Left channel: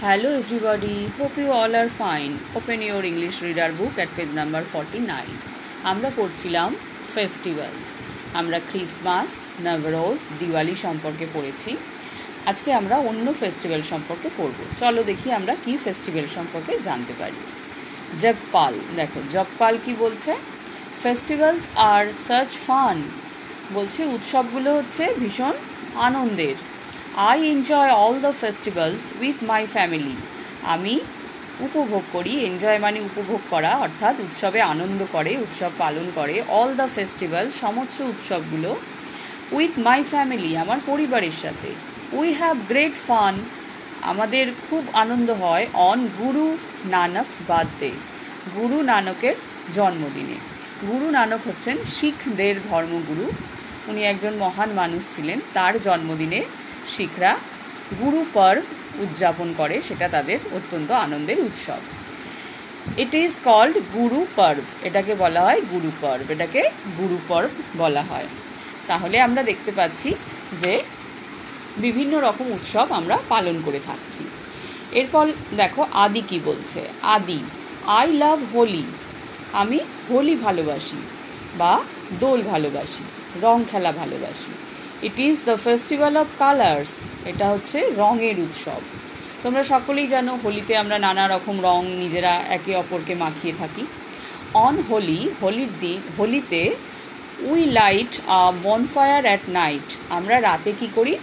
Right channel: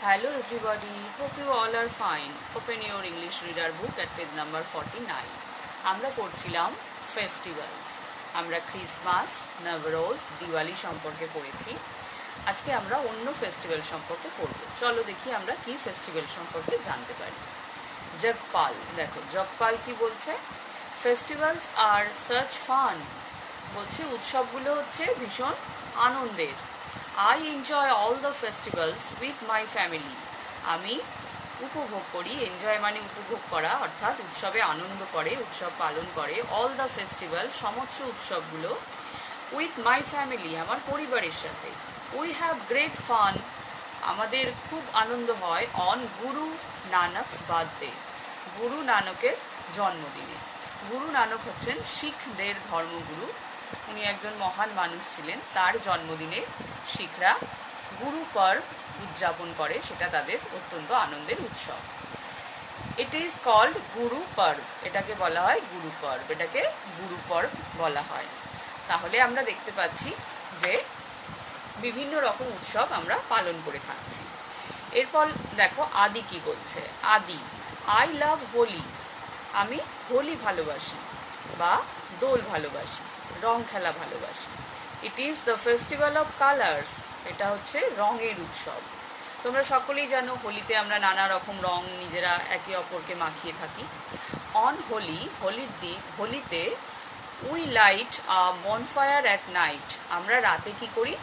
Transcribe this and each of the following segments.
Hello everybody, hope you all are fine. Open your English reader book at page number 49. আমরা পড়ছিলাম festivals. আমরা Christmas, নবরোজ, Diwali সম্পর্কে পড়েছি। আজকে আমরা অন্য ফেস্টিভ্যাল সম্পর্কে পড়ব। চলো দেখি আমরা কি ফেস্টিভ্যাল সম্পর্কে জানতে পারি। জগপাল, দেখো জগপাল কি বলছে? ফেস্টিভ্যালস আর সাচ ফান, বলছে উৎসবগুলো হচ্ছে ভীষণ আনন্দের। I enjoy all the festivals with my family. আমি উপভোগ করি, এনজয় মানে উপভোগ করা, অর্থাৎ উৎসবে আনন্দ করে, উৎসব পালন করে। অল দ্য ফেস্টিভ্যাল, সমস্ত উৎসবগুলো উইথ মাই ফ্যামিলি, আমার পরিবারের সাথে। উই হ্যাভ গ্রেট ফান, আমাদের খুব আনন্দ হয়। অন গুরু নানকস বার্থডে, গুরু নানকের জন্মদিনে। গুরু নানক হচ্ছেন শিখদের ধর্মগুরু, উনি একজন মহান মানুষ ছিলেন। তার জন্মদিনে শিখরা গুরু পর্ব উদযাপন করে, সেটা তাদের অত্যন্ত আনন্দের উৎসব। ইট ইজ কল্ড গুরু পর্ব, এটাকে বলা হয় গুরু পর্ব, এটাকে গুরু পর্ব বলা হয়। তাহলে আমরা দেখতে পাচ্ছি যে বিভিন্ন রকম উৎসব আমরা পালন করে থাকছি। এরপর দেখো আদি কি বলছে। আদি, আই লাভ হোলি, আমি হোলি ভালোবাসি বা দোল ভালোবাসি, রং খেলা ভালোবাসি। It is the festival of colours, এটা হচ্ছে রঙের উৎসব। তোমরা সকলেই জানো হোলিতে আমরা নানা রকম রং নিজেরা একে অপরকে মাখিয়ে থাকি। অন হোলি, হোলির দিন, হোলিতে we light bonfire at night, আমরা রাতে কি করি?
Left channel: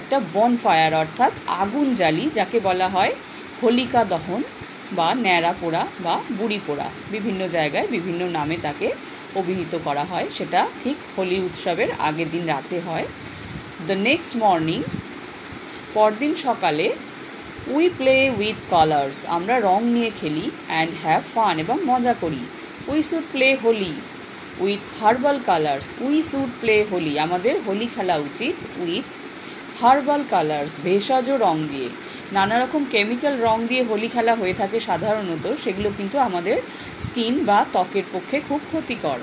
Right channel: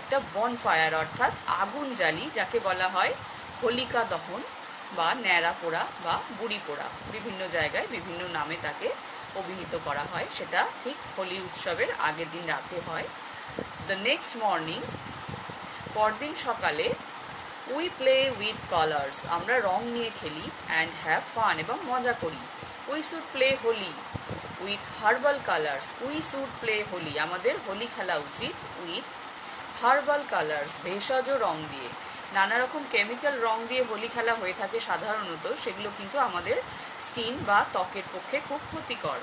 একটা বনফায়ার অর্থাৎ আগুন জ্বালি, যাকে বলা হয় হোলিকা দহন বা ন্যাড়া পোড়া বা বুড়ি পোড়া, বিভিন্ন জায়গায় বিভিন্ন নামে তাকে অভিহিত করা হয়। সেটা ঠিক হোলি উৎসবের আগের দিন রাতে হয়। দ্য নেক্সট মর্নিং, পরদিন সকালে উই প্লে উইথ কালার্স, আমরা রং নিয়ে খেলি। অ্যান্ড হ্যাভ ফান, এবং মজা করি। We should play Holi with herbal colours, we should play Holi, আমাদের হোলি খেলা উচিত উইথ হার্বাল কালার্স, ভেষজ রং দিয়ে। নানা রকম কেমিক্যাল রং দিয়ে হোলি খেলা হয়ে থাকে সাধারণত, সেগুলো কিন্তু আমাদের স্কিন বা ত্বকের পক্ষে খুব ক্ষতিকর।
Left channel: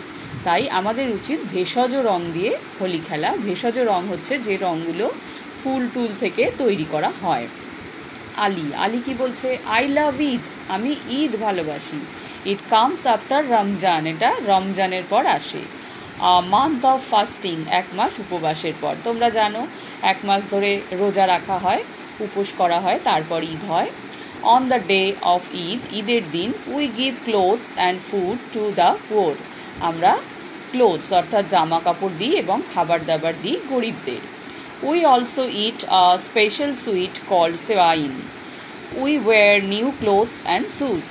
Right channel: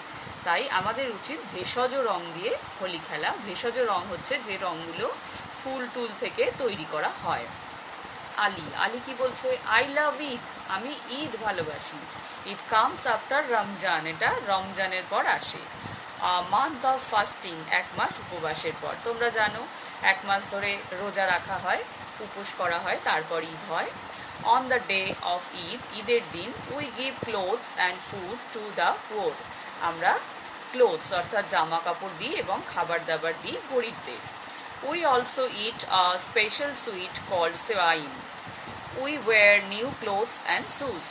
তাই আমাদের উচিত ভেষজ রং দিয়ে হোলি খেলা। ভেষজ রং হচ্ছে যে রংগুলো ফুল টুল থেকে তৈরি করা হয়। আলী, আলী কি বলছে? আই লাভ ঈদ, আমি ঈদ ভালোবাসি। ইট কামস আফটার রমজান, এটা রমজানের পর আসে। মান্থ অফ ফাস্টিং, এক মাস উপবাসের পর। তোমরা জানো এক মাস ধরে রোজা রাখা হয়, উপোস করা হয়, তারপর ঈদ হয়। On the day of Eid, ঈদের দিন we give clothes and food to the poor, আমরা ক্লোথস অর্থাৎ জামা কাপড় দিই এবং খাবার দাবার দিই গরিবদের। We also eat a special sweet called sewaiyan, we wear new clothes and shoes,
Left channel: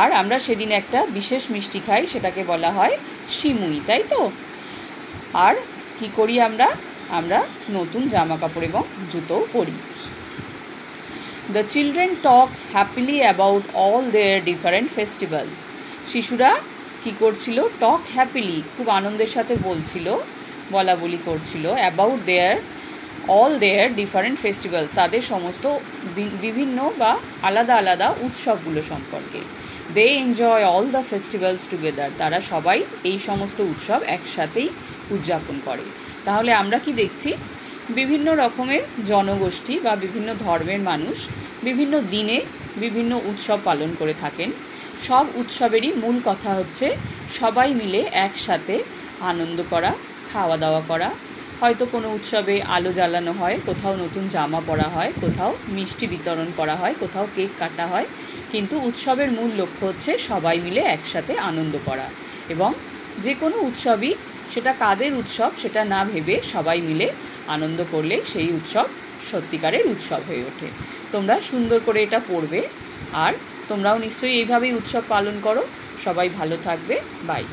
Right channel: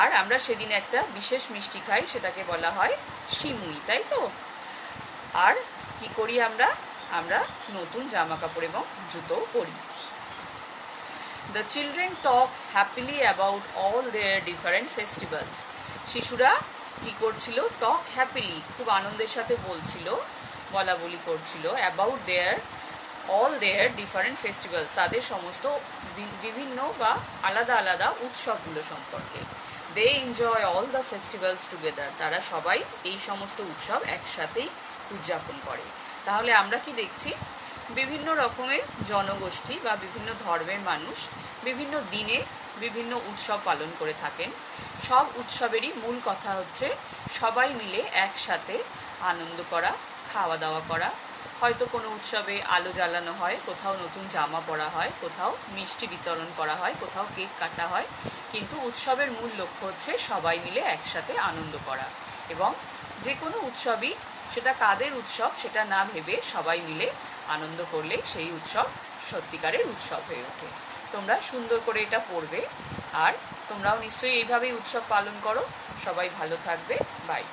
আর আমরা সেদিন একটা বিশেষ মিষ্টি খাই, সেটাকে বলা হয় সিমুই, তাই তো? আর কি করি আমরা? আমরা নতুন জামা কাপড় এবং জুতো পরি। The children talk happily about all their different festivals, শিশুরা কি করছিল? টক হ্যাপিলি, খুব আনন্দের সাথে বলছিল, বলা বলি করছিল। About their all their different festivals, তাদের সমস্ত বিভিন্ন বা আলাদা আলাদা উৎসবগুলো সম্পর্কে। They enjoy all the festivals together, তারা সবাই এই সমস্ত উৎসব একসাথেই উদযাপন করে। তাহলে আমরা কি দেখছি? বিভিন্ন রকমের জনগোষ্ঠী বা বিভিন্ন ধর্মের মানুষ বিভিন্ন দিনে বিভিন্ন উৎসব পালন করে থাকেন। সব উৎসবেরই মূল কথা হচ্ছে সবাই মিলে একসাথে আনন্দ করা, খাওয়া দাওয়া করা। হয়তো কোনো উৎসবে আলো জ্বালানো হয়, কোথাও নতুন জামা পরা হয়, কোথাও মিষ্টি বিতরণ করা হয়, কোথাও কেক কাটা হয়, কিন্তু উৎসবের মূল লক্ষ্য হচ্ছে সবাই মিলে একসাথে আনন্দ করা। এবং যে কোনো উৎসবই, সেটা কাদের উৎসব সেটা না ভেবে সবাই মিলে আনন্দ করলে সেই উৎসব সত্যিকারের উৎসব হয়ে ওঠে। তোমরা সুন্দর করে এটা পড়বে, আর তোমরাও নিশ্চয়ই এইভাবেই উৎসব পালন করো। সবাই ভালো থাকবে, বাই।